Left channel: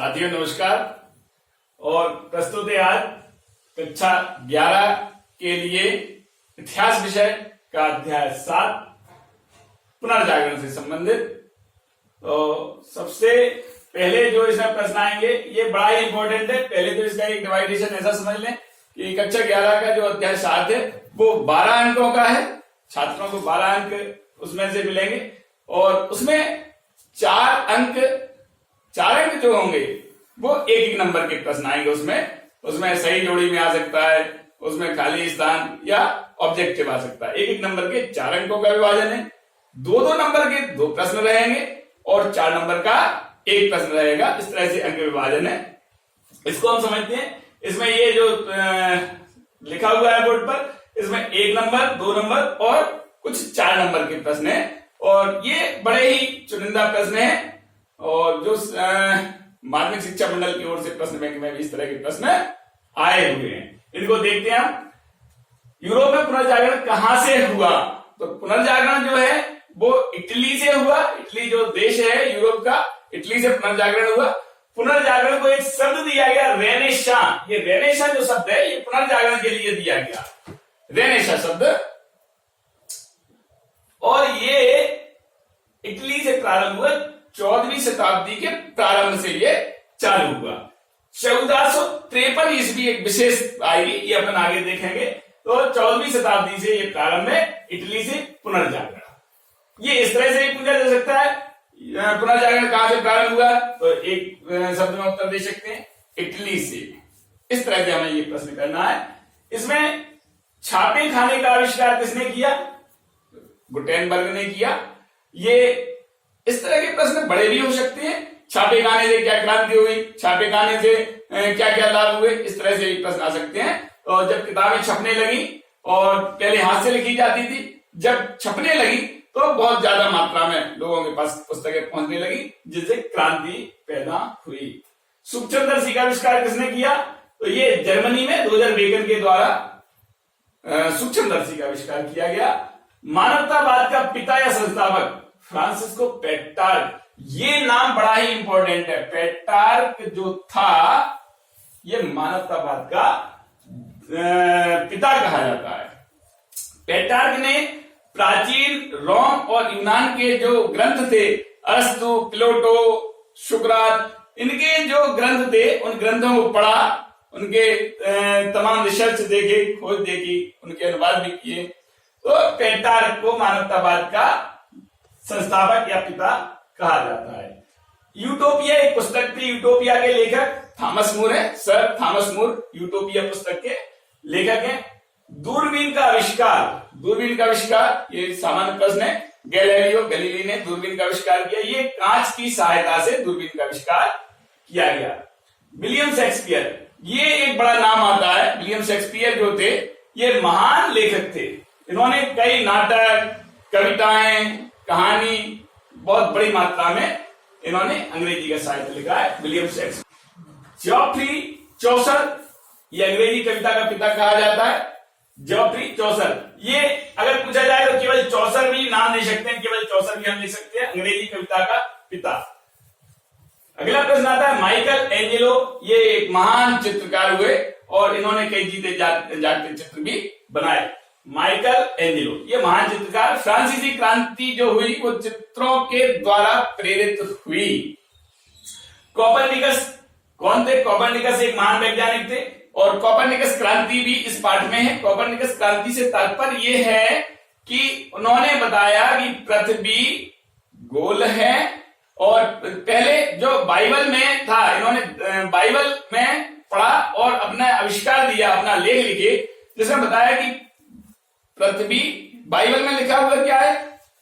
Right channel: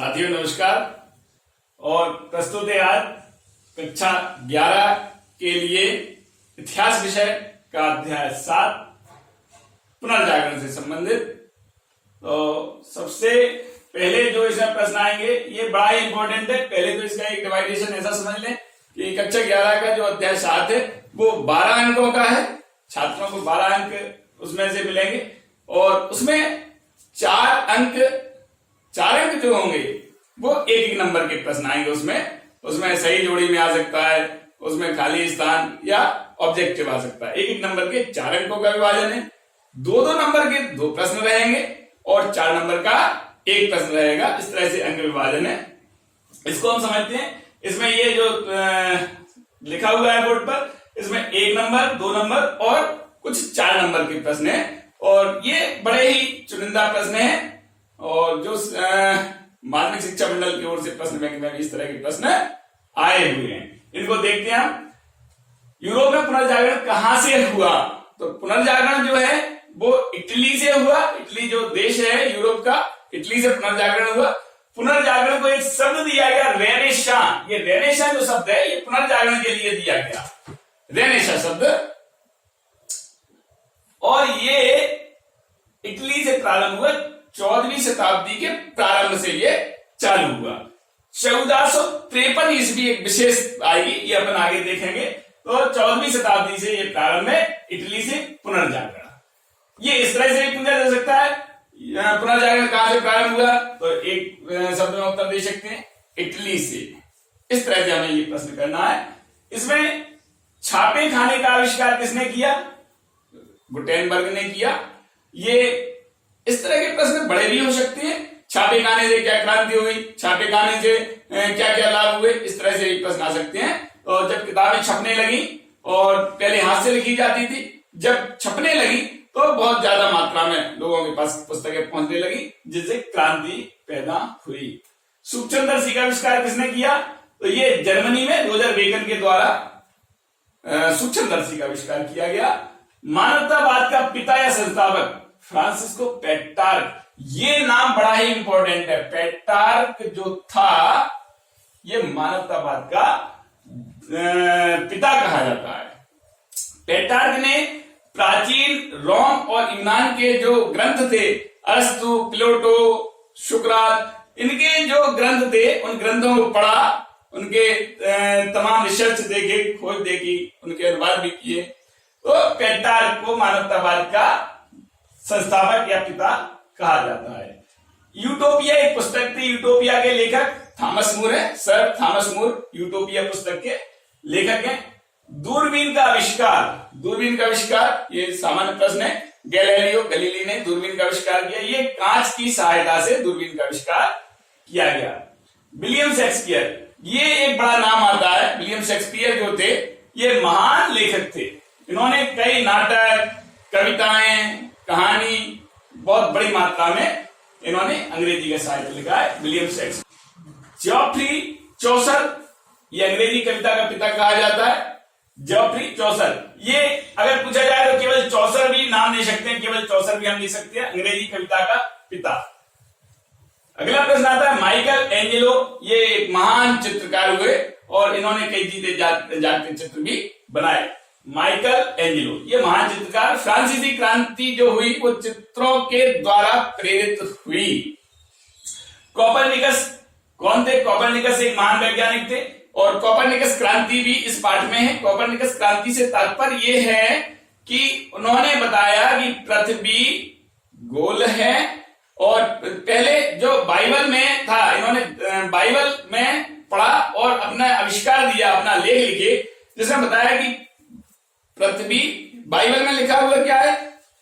साथियों नमस्कार। और प्रस्तुत है आज कक्षा 11 के लिए इतिहास विषय का अध्याय 7 पुनर्जागरण से संबंधित। तो सबसे पहले जो इसमें प्रश्न आएंगे ये बड़ा ही इंपॉर्टेंट है। पहले तो इसका एक डिवाइडेशन ऐसा समझ लें कि कक्षा 11 का जो अध्याय 7 है वो 12 अंकों का है। छात्रों को 12 अंक उसमें से मिलेंगे और उसमें 4 अंक जो होंगे वो एक एक नंबर के प्रश्न आएंगे। उसमें सही जोड़ी में आ सकता है, उसमें खाली स्थान या ऑब्जेक्टिव आ सकता है। एक एक नंबर के 4 अंकों का विभाजन है। 2-2 नंबर के 2 प्रश्न रहेंगे और 4 नंबर का 1 प्रश्न रहेगा। इस तरह से अंक विभाजन है। इसको हम समझते हैं। इसमें ये जो लिखा हुआ है बोर्ड पर, इसमें 1 नंबर, 2 नंबर और कुछ 4 नंबर के प्रश्न है और ये बड़े ही चुनिंदा प्रश्न है। और जो माध्यमिक शिक्षा मंडल की ओर से प्रश्न बैंक में भी इस तरह के प्रश्न आए हुए हैं, इनको देखते हैं हम। यूरोप में पुनर्जागरण कहां से हुआ? तो पुनर्जागरण जो है वो इटली से हुआ। इटली जो देश है यूरोप का, इटली से पुनर्जागरण हुआ। पुनर्जागरण को एक शब्द दिया गया रेनेसां। ये रेनेसां जो शब्द है ये पुनर्जागरण के लिए दिया गया, रेनेसां शब्द। और ये इटली से प्रारंभ हुआ। 14वीं शताब्दी के प्रारंभ से ये चालू हुआ। 1453 ईस्वी एक विशेष आएगी, ये अपन आगे देखेंगे। तो 14वीं शताब्दी से ये प्रारंभ है इटली से पुनर्जागरण। ये इस तरह से भी पूछा जा सकता है पुनर्जागरण कहां से प्रारंभ हुआ? तो एक शब्द में उत्तर दे सकते हैं, इटली से। इस तरह से हमें ये प्रश्न करना है। इसमें छापे खाने का आविष्कार किसने किया? गुटेनबर्ग ने किया। ये इस तरह के प्रश्न बड़े भी हो सकते हैं। छापे खाने से क्या क्रांति हुई, छापे खाने से क्या क्या लाभ हुए, इस तरह से भी प्रश्न आ सकते हैं। तो जब किताबें छपने लगी और पहले हाथ से लिखी जाती थी, जब छपने लगी तो बहुत ज्यादा मात्रा में लोगों के पास पुस्तकें पहुंचने लगी, जिससे क्रांति पैदा हुई। सूक्ष्मदर्शी का आविष्कार किसने किया? तो ये जर्मनी में रोजर बेकन के द्वारा सूक्ष्मदर्शी का आविष्कार किया गया। मानवतावाद का पिता या संस्थापक फ्रांसिस्को पेट्रार्क। ये नाम बड़ा ही इंपॉर्टेंट है। पेट्रार्क जो था ये मानवतावाद का पिता कहा जाता है। पेट्रार्क ने प्राचीन रोम और यूनान के जो ग्रंथ थे, अरस्तु, प्लेटो, सुकरात, इनके जो ग्रंथ थे उन ग्रंथों को पढ़ा, उनके तमाम रिसर्च देखे, खोज देखी, उनके अनुवाद भी किए। तो पेट्रार्क को मानवतावाद का संस्थापक या पिता कहा जाता है। यूटोपिया एक पुस्तक थी। यूटोपिया के लेखक थॉमस मूर है। सर थॉमस मूर यूटोपिया पुस्तक के लेखक हैं। दूरबीन का आविष्कार ये सामान्य प्रश्न है। गैलीलियो गैलीली ने दूरबीन का आविष्कार किया। ये कांच की सहायता से दूरबीन का आविष्कार किया गया। विलियम शेक्सपियर, ये एक बड़ा नाम आता है। विलियम शेक्सपियर जो थे ये महान लेखक थे। इन्होंने कई नाटक, कविताएं, कहानी बहुत बड़ी मात्रा में इन्होंने अंग्रेजी का साहित्य लिखा है। William Shakespeare. जॉफ्री चौसर, ये अंग्रेजी कविता का पिता कहा जाता है। जॉफ्री चौसर, ये अगर पूछा जाए तो केवल चौसर भी नाम दे सकते हैं, केवल चौसर भी हम लिख सकते हैं, अंग्रेजी कविता का पिता। अगला प्रश्न आता है माइकल एंजेलो। ये एक महान चित्रकार हुए और इन्होंने कई जीते जागते चित्र भी बनाए। माइकल एंजेलो ये महान चित्रकार। फ्रांसीसी क्रांति जो हुई वो चित्रों के द्वारा प्रेरित हुई। कोपरनिकस कौन थे? कोपरनिकस एक महान वैज्ञानिक थे और कोपरनिकस क्रांति भी इस पाठ में है। कोपरनिकस क्रांति से तात्पर्य ये है कि उन्होंने बताया कि पृथ्वी गोल है। और पहले जो बाइबल में था, इन्होंने बाइबल में पढ़ा और अपना आविष्कार दिया, अपना लेख लिखे, जिसमें बताया कि पृथ्वी, बाइबल में लिखा हुआ क्या है?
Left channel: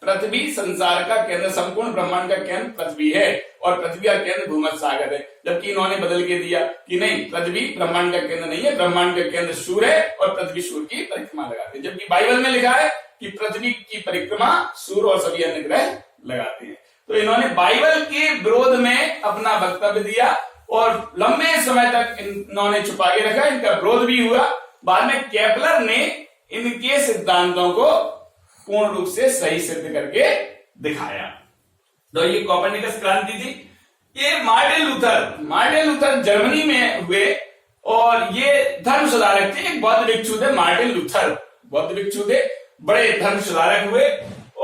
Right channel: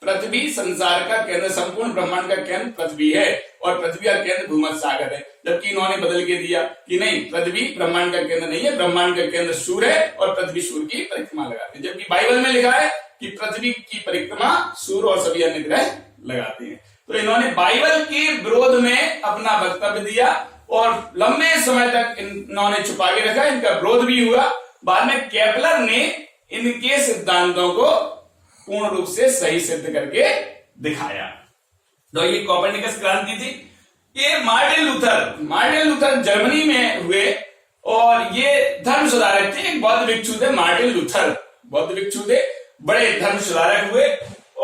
पृथ्वी संसार का केंद्र, संपूर्ण ब्रह्मांड का केंद्र पृथ्वी है और पृथ्वी का केंद्र भूमध्य सागर है। जबकि इन्होंने बदल के दिया कि नहीं, पृथ्वी ब्रह्मांड का केंद्र नहीं है, ब्रह्मांड का केंद्र सूर्य है और पृथ्वी सूर्य की परिक्रमा लगाती है। जबकि बाइबल में लिखा है कि पृथ्वी की परिक्रमा सूर्य और सभी अन्य ग्रह लगाते हैं। तो इन्होंने बाइबल के विरोध में अपना वक्तव्य दिया और लंबे समय तक इन्होंने छुपा के रखा। इनका विरोध भी हुआ। बाद में केपलर ने इनके सिद्धांतों को पूर्ण रूप से सही सिद्ध करके दिखाया। तो ये कोपरनिकस क्रांति थी। ये मार्टिन लूथर जर्मनी में हुए और ये धर्म सुधारक थे। एक बौद्ध भिक्षु थे मार्टिन लूथर, बौद्ध भिक्षु थे, बड़े धर्म सुधारक हुए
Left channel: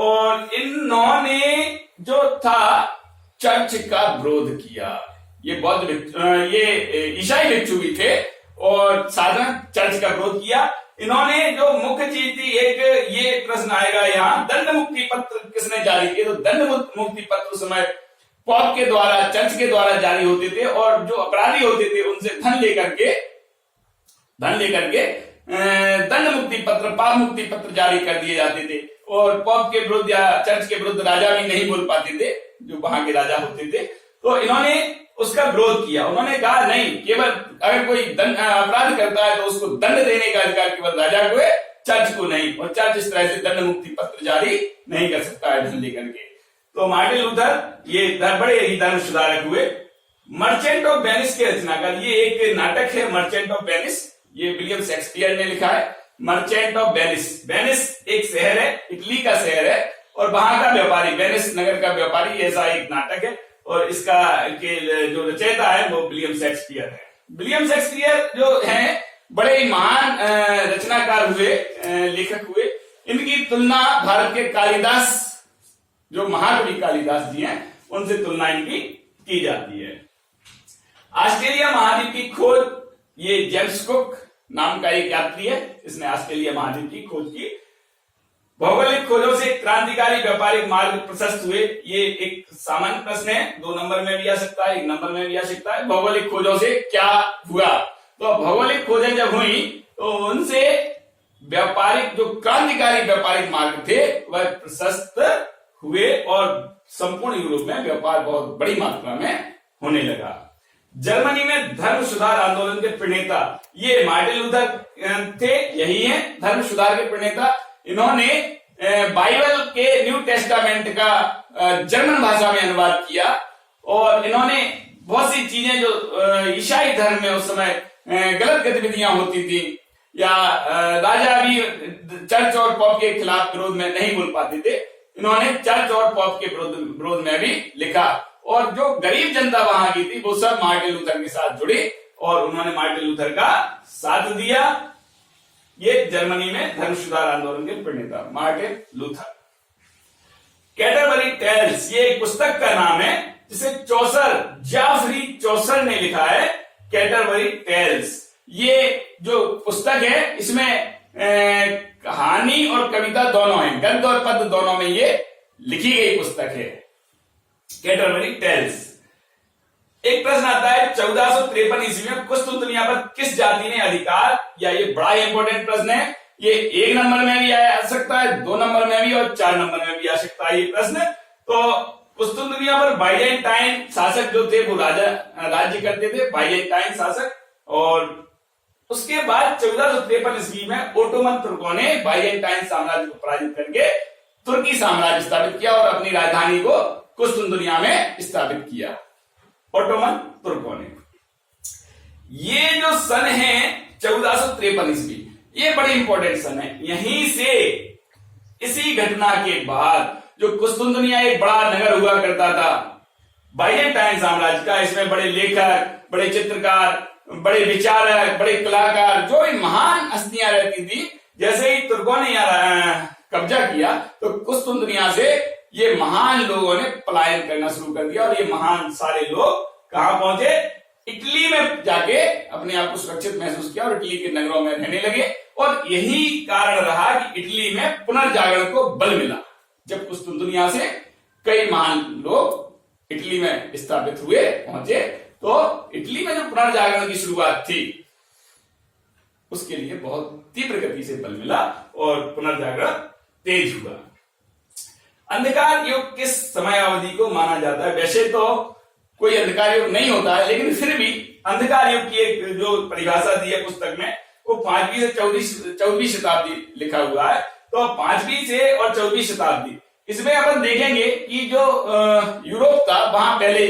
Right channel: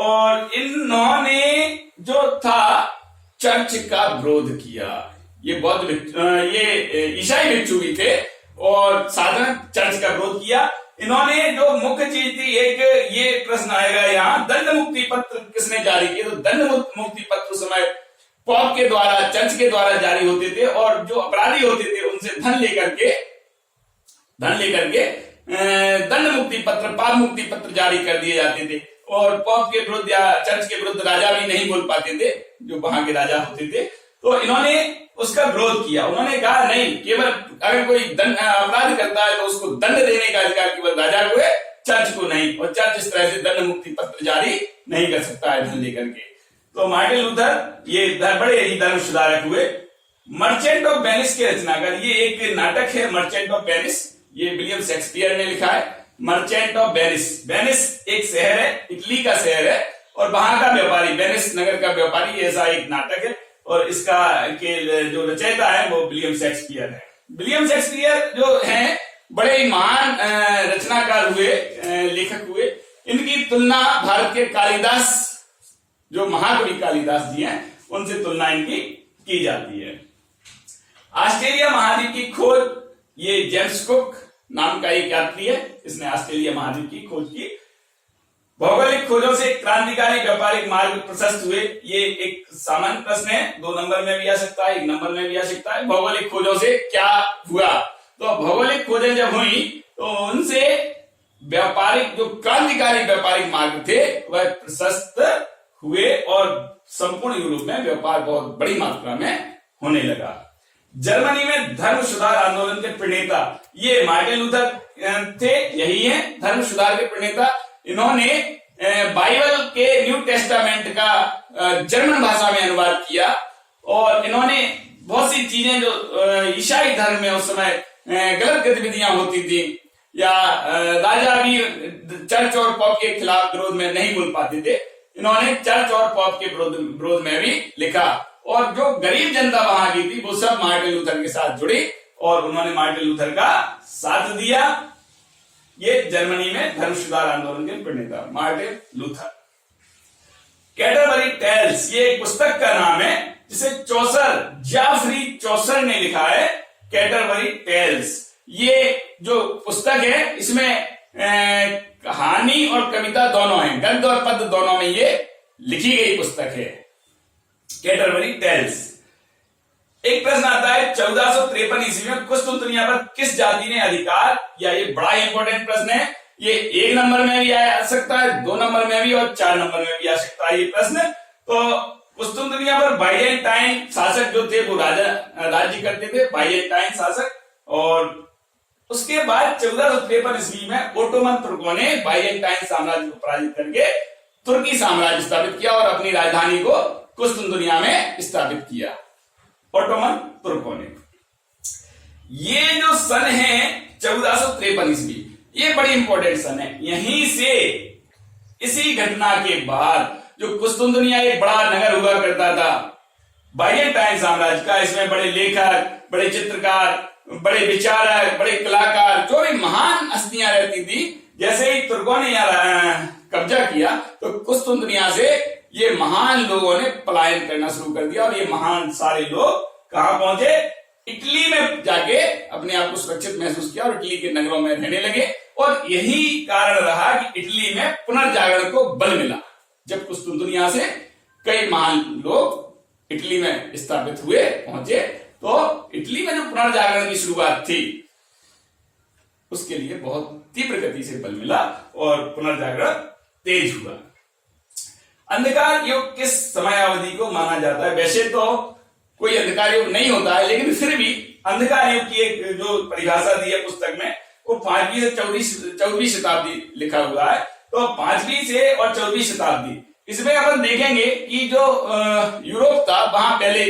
और इन्होंने जो था चर्च का विरोध किया। ये ये ईसाई भिक्षु भी थे और साधारण चर्च का विरोध किया। इन्होंने जो मुख्य चीज थी, एक ये प्रश्न आएगा यहाँ, दंड मुक्ति पत्र किसने जारी किए? तो दंड मुक्ति पत्र उस समय पॉप के द्वारा, चर्च के द्वारा जारी होते थे और जो अपराधी होते थे उनसे धन लेकर के दंड मुक्ति पत्र, पाप मुक्ति पत्र जारी कर दिए जाते थे और पॉप के विरुद्ध या चर्च के विरुद्ध राजा भी नहीं बोल पाते थे, जो वहां के राजा होते थे। तो इन्होंने उसका विरोध किया। उन्होंने कहा नहीं, केवल अगर कोई अपराध करता है तो उसको दंड देने का अधिकार केवल राजा को है, चर्च को नहीं, और चर्च इस तरह से दंड मुक्ति पत्र जारी नहीं कर सकता है धन लेकर के। तो मार्टिन लूथर ये बड़े ही धर्म सुधारक हुए। मर्चेंट ऑफ वेनिस के रचनाकार, ये एक नाटक है मर्चेंट ऑफ वेनिस, ये विलियम शेक्सपियर ने लिखा है। मर्चेंट ऑफ वेनिस, वेनिस एक शहर है, इटली का शहर है और वहां का व्यापारी, वेनिस नगर का व्यापारी, ऐसा एक नाटक है और इसका के जो रचयिता है वो विलियम शेक्सपियर है। विलियम शेक्सपियर जो हैं बड़े ही महान रचनाकार हुए, लेखक हुए। इनकी तुलना भारत के कालिदास, जो महाकवि कालिदास जी हैं, उनसे तुलना इनकी की जाती है। ऑस्ट्रेलिया महाद्वीप की खोज, ये जेम्स कुक नाम का एक यात्री है, इसने ऑस्ट्रेलिया महाद्वीप की खोज की। भौगोलिक खोजों से क्रांतिकारी व्यापारिक मार्ग प्रशस्त हुए, ये एक सामान्य प्रश्न है, 2 नंबर में भी आ सकता है, 1 नंबर में भी आ सकता है। भौगोलिक खोजों से क्या हुआ? तो भौगोलिक खोजें जब हुई तो उनसे व्यापारिक, जो क्रांतिकारी व्यापारिक मार्ग थे वह प्रशस्त हुए और संपूर्ण यूरोप में व्यापार बहुत बड़ी मात्रा में होने लगा। जर्मनी में धर्म सुधार आंदोलन के प्रणेता ये मार्टिन लूथर थे, यही हैं धर्म सुधार के प्रणेता। इन्होंने बाइबल के न्यू टेस्टामेंट का जर्मन भाषा में अनुवाद किया और इन्होंने बहुत सी चीजें जो ईसाई धर्म में उस समय गलत गतिविधियां होती थी या राजा भी चर्च और पॉप के खिलाफ विरोध में नहीं बोल पाते थे, इन्होंने चर्च और पॉप के विरोध में भी लिखा और जो गरीब जनता वहां की थी वो सब मार्टिन लूथर के साथ जुड़ी और उन्होंने मार्टिन लूथर का साथ दिया। ये जर्मनी में धर्म सुधार आंदोलन के प्रणेता मार्टिन लूथर। कैटरबरी टेल्स, ये एक पुस्तक का नाम है जिसे जॉफरी चौसर ने लिखा है, कैटरबरी टेल्स। ये जो पुस्तक है इसमें कहानी और कविता दोनों है, गद्य और पद्य दोनों में ये लिखी गई पुस्तक है, कैटरबरी टेल्स। एक प्रश्न आता है 1453 ईस्वी में कुस्तुंतनिया पर किस जाति ने अधिकार, या ये बड़ा इंपॉर्टेंट प्रश्न है, ये 1 नंबर में भी आ सकता है, 2 नंबर में भी और 4 नंबर में भी आ सकता है ये प्रश्न। तो कुस्तुंतनिया पर बाइजेंटाइन शासक जो थे वो राज्य करते थे, बाइजेंटाइन शासक, और उसके बाद 1453 ईस्वी में ओटोमन तुर्कों ने बाइजेंटाइन साम्राज्य को पराजित करके तुर्की साम्राज्य स्थापित किया और अपनी राजधानी को कुस्तुंतनिया में स्थापित किया ओटोमन तुर्कों ने। ये जो सन है 1453 ईस्वी, ये बड़ी इंपॉर्टेंट सन है। यहीं से, इसी घटना के बाद जो कुस्तुंतनिया एक बड़ा नगर हुआ करता था बाइजेंटाइन साम्राज्य का, इसमें बड़े लेखक, बड़े चित्रकार, बड़े विचारक, बड़े कलाकार, जो भी महान हस्तियां रहती थी, जैसे ही तुर्कों ने यहाँ कब्जा किया तो कुस्तुंतनिया से ये महान लोगों ने पलायन करना शुरू कर दिया और ये महान सारे लोग कहां पहुंचे? इटली में जाके अपने आप को सुरक्षित महसूस किया और इटली के नगरों में रहने लगे। और यही कारण रहा कि इटली में पुनर्जागरण को बल मिला। जब कुस्तुंतनिया से कई महान लोग इटली में स्थापित हुए, पहुंचे, तो इटली में जो पुनर्जागरण की शुरुआत थी उसके लिए बहुत तीव्र गति से बल मिला और पुनर्जागरण तेज हुआ। अंधकार युग किस समयावधि को माना जाता है? वैसे तो कोई अंधकार युग नहीं होता है, लेकिन फिर भी अंधकार युग की एक जो परिभाषा दी है पुस्तक में, वो 5वीं से 14वीं शताब्दी लिखा हुआ है। तो 5वीं से और 14वीं शताब्दी, इसमें अपन देखेंगे कि जो यूरोप था वहां पहले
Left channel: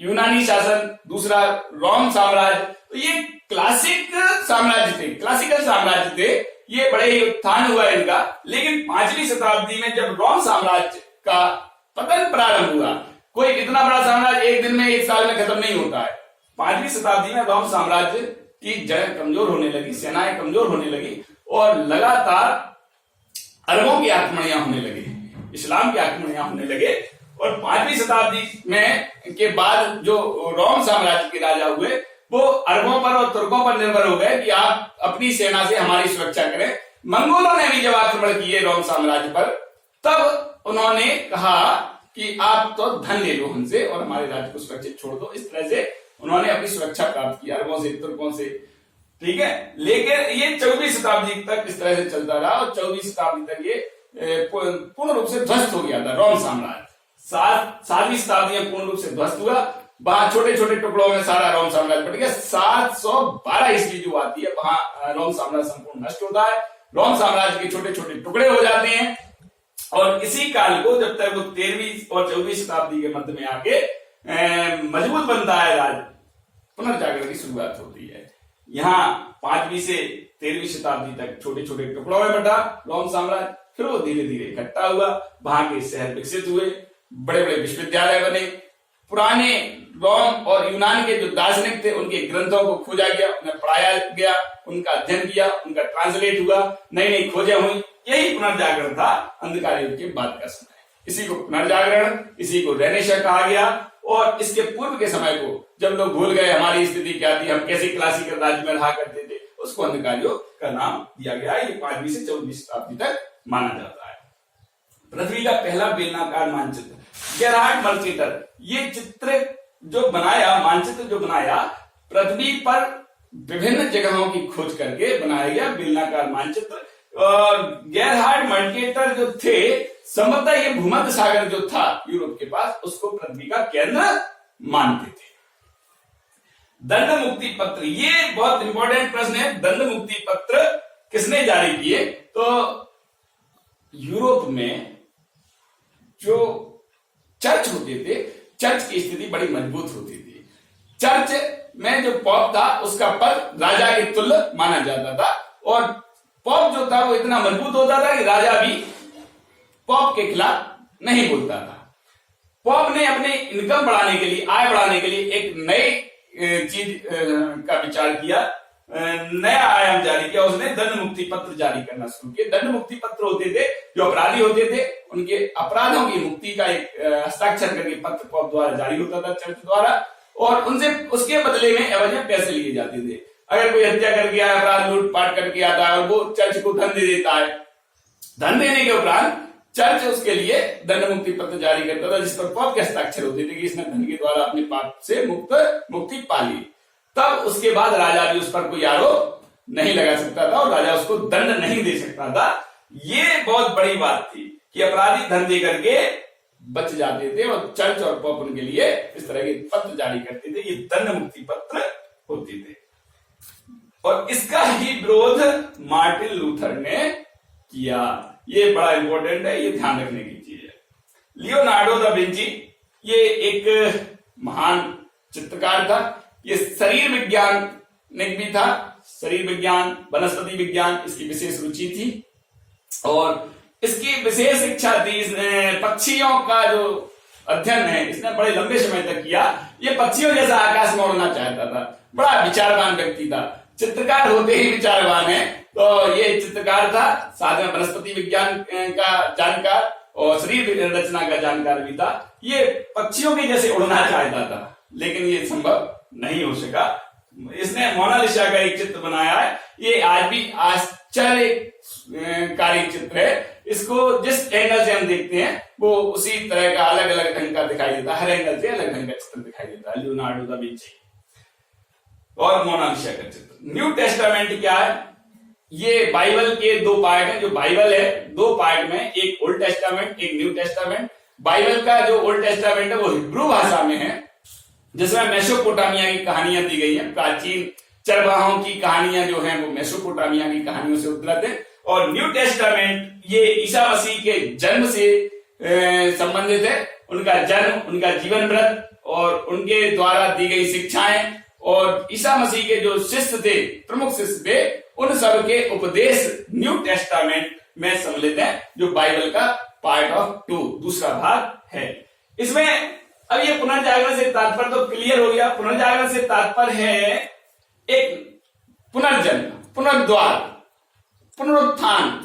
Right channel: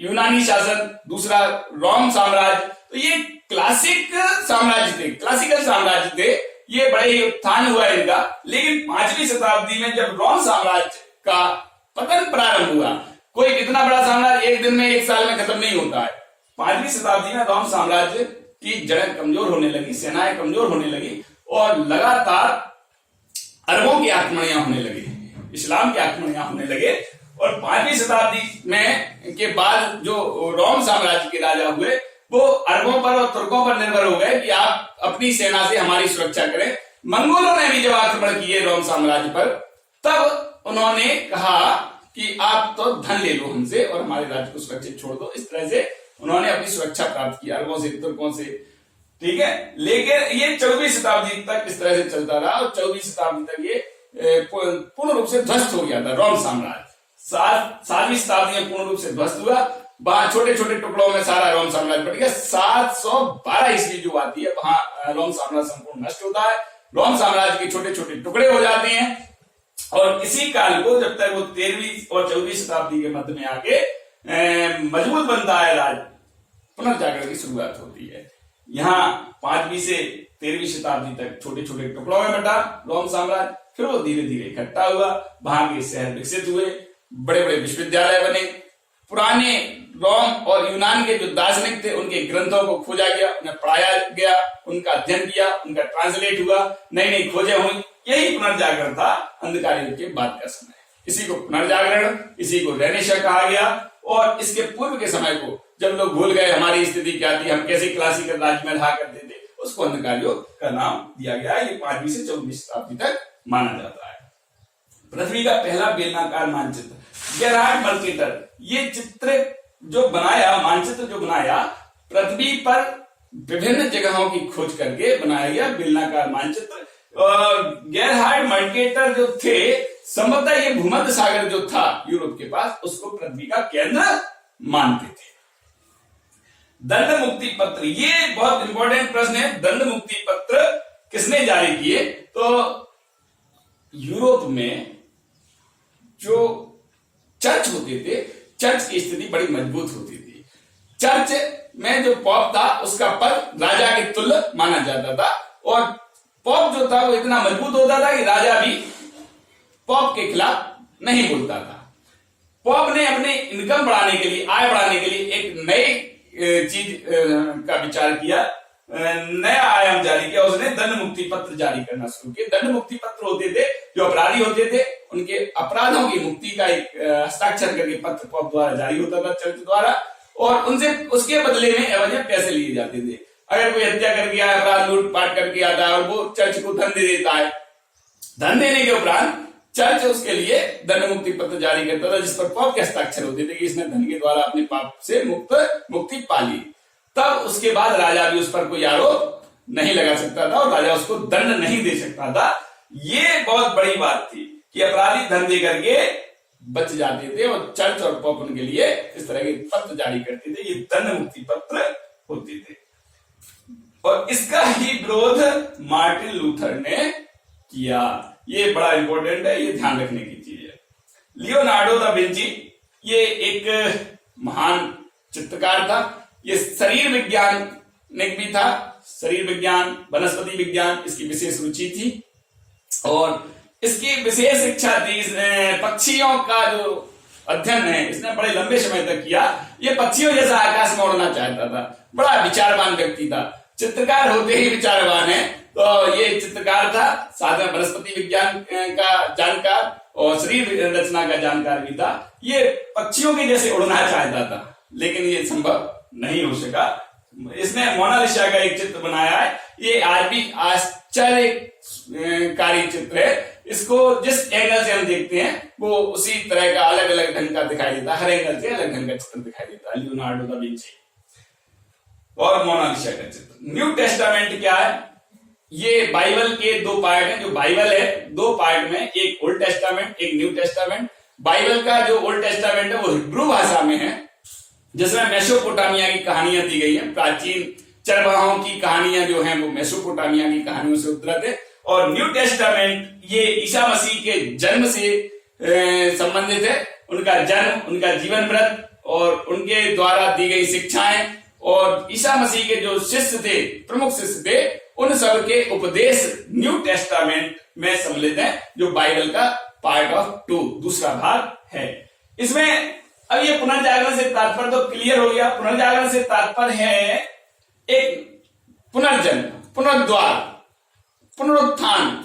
यूनानी शासन, दूसरा रोम साम्राज्य, तो ये क्लासिक साम्राज्य थे, क्लासिकल साम्राज्य थे, ये बड़े ही उत्थान हुआ इनका। लेकिन 5वीं शताब्दी में जब रोम साम्राज्य का पतन प्रारंभ हुआ कोई इतना बड़ा साम्राज्य एक दिन में, एक साल में खत्म नहीं होता है। 5वीं शताब्दी में रोम साम्राज्य की जड़ें कमजोर होने लगी, सेनाएं कमजोर होने लगी और लगातार अरबों की आक्रमणियां होने लगी, इस्लाम के आक्रमणियां होने लगे। और 5वीं शताब्दी में के बाद जो रोम साम्राज्य के राजा हुए वो अरबों पर और तुर्कों पर निर्भर हो गए कि आप अपनी सेना से हमारी सुरक्षा करें। मंगोलों ने भी जब आक्रमण किए रोम साम्राज्य पर, तब उन्होंने कहा कि आप तो धन ले लो हमसे और हमारे राज्य को सुरक्षित छोड़ दो। इस तरह से उन्होंने अपनी सुरक्षा प्राप्त की अरबों से, तुर्कों से, ठीक है। लेकिन ये 14वीं शताब्दी तक इस तरह से चलता रहा और 14वीं शताब्दी तक ये पूर्ण रूप से ध्वस्त हो गया था रोम साम्राज्य। 7वीं शताब्दी में पूर्ण रूप से ध्वस्त हुआ, वहां छोटे छोटे टुकड़ों में सारा रोम साम्राज्य बट गया। 712 ईस्वी जो आती है वहां रोम साम्राज्य संपूर्ण नष्ट होता है, रोम साम्राज्य के छोटे छोटे टुकड़े हो जाते हैं। और इसी काल को जब तक वो 13वीं और 14वीं शताब्दी के मध्य में आके मजबूत बनता है राज्य, पुनर्जागरण की शुरुआत होती है। यहाँ 5वीं से 13वीं शताब्दी तक छोटे छोटे टुकड़ों में बटा रोम साम्राज्य, फिर वो धीरे धीरे इकट्ठा हुआ, वहां के शहर विकसित हुए, बड़े बड़े विश्वविद्यालय बने, पुराने रोम और यूनान के जो दार्शनिक थे उनके ग्रंथों को खोजा गया, उन्हें पढ़ाया गया, उनका अध्ययन किया, उनका ट्रांसलेट हुआ, नई नई खोजें हुई। यही पुनर्जागरण था अंधकार युग के बाद का समय। इसी को पुनर्जागरण, इसी को रेनेसां कहा गया। और इसके पूर्व के समय को जब लोग भूल गए हमारी स्थिति क्या थी, हम कैसे क्लासिकल राज्य में रहा करते थे, उसको अंधकार युग का नाम दिया गया है। ये 5वीं से 14वीं शताब्दी तक माना जाता है। पृथ्वी का पहला बेलनाकार मानचित्र गेरहार्ड मर्केटर, ये चित्र जो बनाया, मानचित्र जो बनाया, पृथ्वी पर विभिन्न जगहों की खोज करके बनाया गया बेलनाकार मानचित्र। और गेरहार्ड मर्केटर जो थे, संभवतः ये भूमध्य सागर जो था यूरोप के पास, उसको पृथ्वी का केंद्र मानते थे। दंड मुक्ति पत्र, ये बहुत इंपॉर्टेंट प्रश्न है। दंड मुक्ति पत्र किसने जारी किए? तो यूरोप में जो चर्च होते थे, चर्च की स्थिति बड़ी मजबूत होती थी। चर्च में जो पॉप था उसका पद राजा के तुल्य माना जाता था और पॉप जो था वो इतना मजबूत होता था कि राजा भी पॉप के खिलाफ नहीं बोलता था। पॉप ने अपने इनकम बढ़ाने के लिए, आय बढ़ाने के लिए एक नई चीज का विचार किया, नया आयाम जारी किया। उसने दंड मुक्ति पत्र जारी करना शुरू किया। दंड मुक्ति पत्र होते थे, जो अपराधी होते थे उनके अपराधों की मुक्ति का एक हस्ताक्षर करके पत्र पॉप द्वारा जारी होता था, चर्च द्वारा, और उनसे उसके बदले में एवज पैसे लिए जाते थे। अगर कोई हत्या करके आया, अपराध लूटपाट करके आता है और वो चर्च को धन दे देता है, धन देने के उपरांत चर्च उसके लिए दंड मुक्ति पत्र जारी करता था, जिस पर पॉप के हस्ताक्षर होते थे कि इसने धन के द्वारा अपने पाप से मुक्ति पा ली। तब उसके बाद राजा भी उस पर कोई आरोप नहीं लगा सकता था और राजा उसको दंड नहीं दे सकता था। ये बहुत बड़ी बात थी कि अपराधी धन दे करके बच जाते थे और चर्च और पॉप उनके लिए इस तरह के पत्र जारी करते थे। ये दंड मुक्ति पत्र होते थे और इसका ही विरोध मार्टिन लूथर ने किया। ये बड़ा इंपॉर्टेंट है, ये ध्यान रखने की चीज है। लियोनार्डो दा विंची ये एक महान चित्रकार था। ये शरीर विज्ञानिक भी था, शरीर विज्ञान, वनस्पति विज्ञान इसकी विशेष रुचि थी और इसकी विशेष इच्छा थी। इसने पक्षियों का जो अध्ययन है इसने बड़े लंबे समय तक किया। ये पक्षियों जैसा आकाश में उड़ना चाहता था, बड़ा विचारवान व्यक्ति था, चित्रकार होते ही विचारवान है। तो ये चित्रकार था, साथ में वनस्पति विज्ञान का जानकार और शरीर रचना का जानकार भी था। ये पक्षियों के जैसे उड़ना चाहता था लेकिन ये संभव नहीं हो सका। इसने मोनालिसा का एक चित्र बनाया है, ये आज भी आश्चर्यकारी चित्र है। इसको जिस एंगल से हम देखते हैं वो उसी तरह का अलग अलग ढंग का दिखाई देता है, हर एंगल से अलग ढंग का चित्र दिखाई देता है। लियोनार्डो दा विंची और मोनालिसा का चित्र। न्यू टेस्टामेंट क्या है? ये बाइबल के दो पार्ट हैं। जो बाइबल है दो पार्ट में, एक ओल्ड टेस्टामेंट, एक न्यू टेस्टामेंट। बाइबल का जो ओल्ड टेस्टामेंट है वो हिब्रू भाषा में है, जिसमें मेसोपोटामिया की कहानियां दी गई हैं। प्राचीन चरवाहों की कहानियां जो हैं वो मेसोपोटामिया की कहानियों से उद्धृत है। और न्यू टेस्टामेंट ये ईसा मसीह के जन्म से संबंधित है। उनका जन्म, उनका जीवन व्रत और उनके द्वारा दी गई शिक्षाएं और ईसा मसीह के जो शिष्य थे, प्रमुख शिष्य थे, उन सब के उपदेश न्यू टेस्टामेंट में सम्मिलित है, जो बाइबल का पार्ट ऑफ 2 दूसरा भाग है। इसमें अब ये पुनर्जागरण से तात्पर्य तो क्लियर हो गया। पुनर्जागरण से तात्पर्य है एक पुनर्जन्म, पुनर्द्वार, पुनरुत्थान।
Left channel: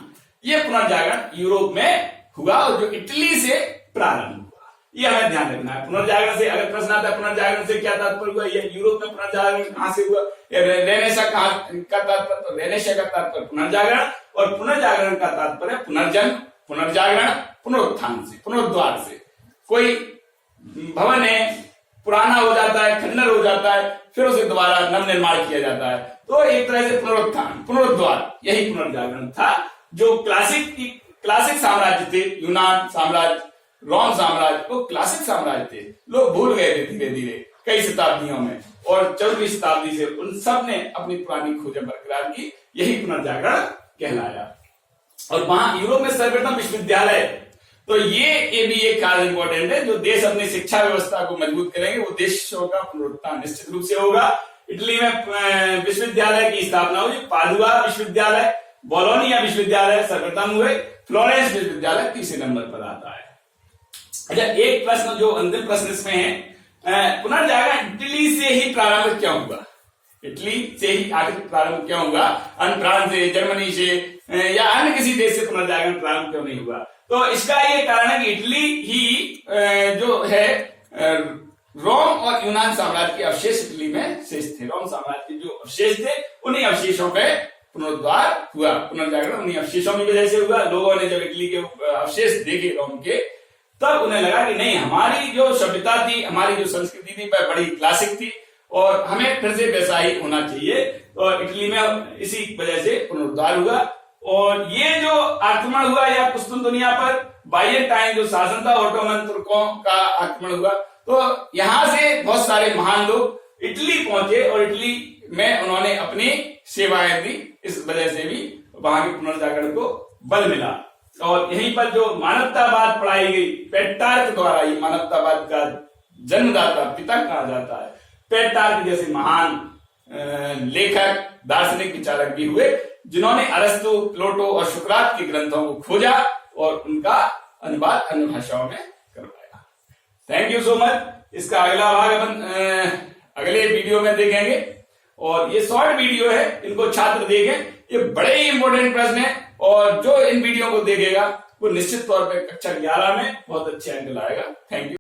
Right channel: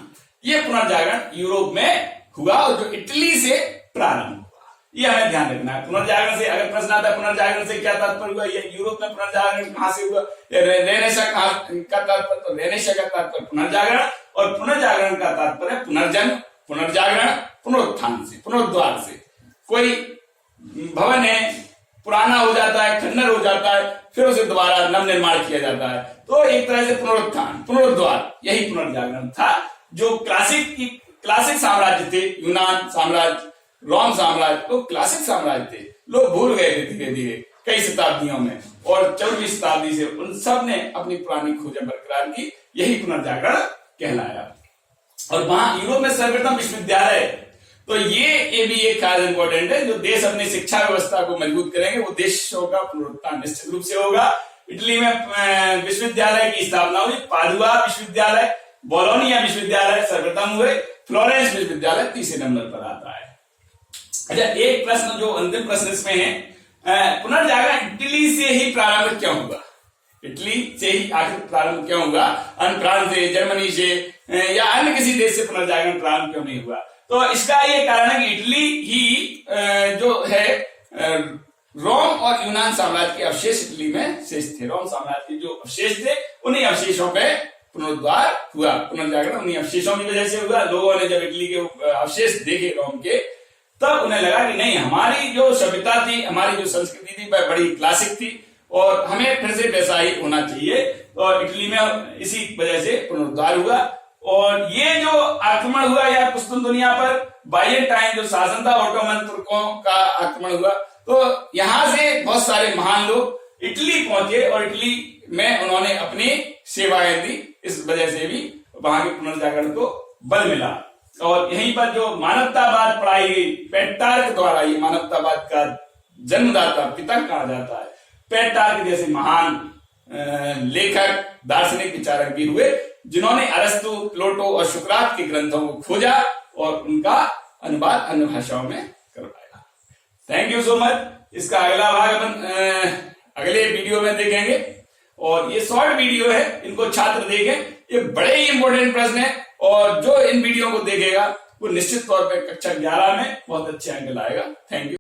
ये पुनर्जागरण यूरोप में हुआ और जो इटली से प्रारंभ हुआ, ये हमें ध्यान रखना है। पुनर्जागरण से अगर प्रश्न आता है पुनर्जागरण से क्या तात्पर्य हुआ, ये यूरोप में पुनर्जागरण कहां से हुआ, रेनेसा का तात्पर्य, तो रेनेसा का तात्पर्य पुनर्जागरण, और पुनर्जागरण का तात्पर्य पुनर्जन्म, पुनर्जागरण, पुनरुत्थान से, पुनरुद्वार से। कोई भवन है, पुराना हो जाता है, खंडर हो जाता है, फिर उसे दोबारा नव निर्माण किया जाता है, तो एक तरह से पुनरुत्थान, पुनरुद्वार, यही पुनर्जागरण था। जो क्लासिक साम्राज्य थे, यूनान साम्राज्य, रोम साम्राज्य, वो क्लासिक साम्राज्य थे, लोग भूल गए थे धीरे धीरे कई शताब्दियों में, और 14वीं शताब्दी से उन सब ने अपनी पुरानी खोजें बरकरार की, यही पुनर्जागरण कहलाया। और वहां यूरोप में सर्वप्रथम विश्वविद्यालय, तो ये भी एक खास इंपॉर्टेंट है। जो देश अपनी शिक्षा व्यवस्था को मजबूत करेंगे वो देशों का पुनरुत्थान निश्चित रूप से होगा। इटली में विश्वविद्यालय की स्थापना हुई, पादुआ विश्वविद्यालय, बोलोनिया विश्वविद्यालय सर्वप्रथम हुए, फ्लोरेंस विश्वविद्यालय तीसरे नंबर पर आता है। अच्छा, एक प्रश्न जो अंतिम प्रश्न इसमें है, पुनर्जागरण इटली से ही प्रारंभ क्यों हुआ? इटली से ही आखिर प्रारंभ क्यों हुआ? अन्य फ्रांस से, जर्मनी से या अन्य किसी देश से पुनर्जागरण प्रारंभ क्यों नहीं हुआ? तो इसका ये कारण है कि इटली ही जो है रोम और यूनान साम्राज्य के अवशेष इटली में शेष थे। रोम साम्राज्य के जो अवशेष थे उन्हीं अवशेषों पे पुनरुद्धार हुआ, पुनर्जागरण उन्हीं अवशेषों की वजह से हुआ। लोगों ने जब इटली के अवशेष देखे रोम के, तब उन्हें लगा कि नहीं, हमारी जो सभ्यता थी, हमारी जो संस्कृति थी वह बड़ी क्लासिक थी और हमें फिर से वैसा ही होना चाहिए। और इटली में इसी वजह से पुनरुद्धार हुआ। और ये जो आक्रमण हुआ या पुस्तुन दुनिया पर बाइजेंटाइन जो शासन था, ओटोमन तुर्कों का आक्रमण हुआ, तो यहां से बहुत सारे महान लोग इटली पहुंचे और इटली में उन्होंने अपनी सेवाएं दी। इस वजह से भी वहां के पुनर्जागरण को बल मिला। और यहीं पर जो मानवतावाद पढ़ाई गई पेट्रार्क द्वारा, ये मानवतावाद का जन्मदाता, पिता कहा जाता है। पेट्रार्क जैसे महान लेखक, दार्शनिक, विचारक भी हुए, जिन्होंने अरस्तु, प्लेटो और सुकरात के ग्रंथों को खोजा और उनका अनुवाद अन्य भाषाओं में करवाया। Thank you so much. इसका अगला भाग अपन अगले वीडियो में देखेंगे। और ये शॉर्ट वीडियो है, इनको छात्र देखें, ये बड़े ही इंपॉर्टेंट प्रश्न है और जो इन वीडियो को देखेगा वो निश्चित तौर पर कक्षा 11 में बहुत अच्छे अंक लाएगा। Thank you.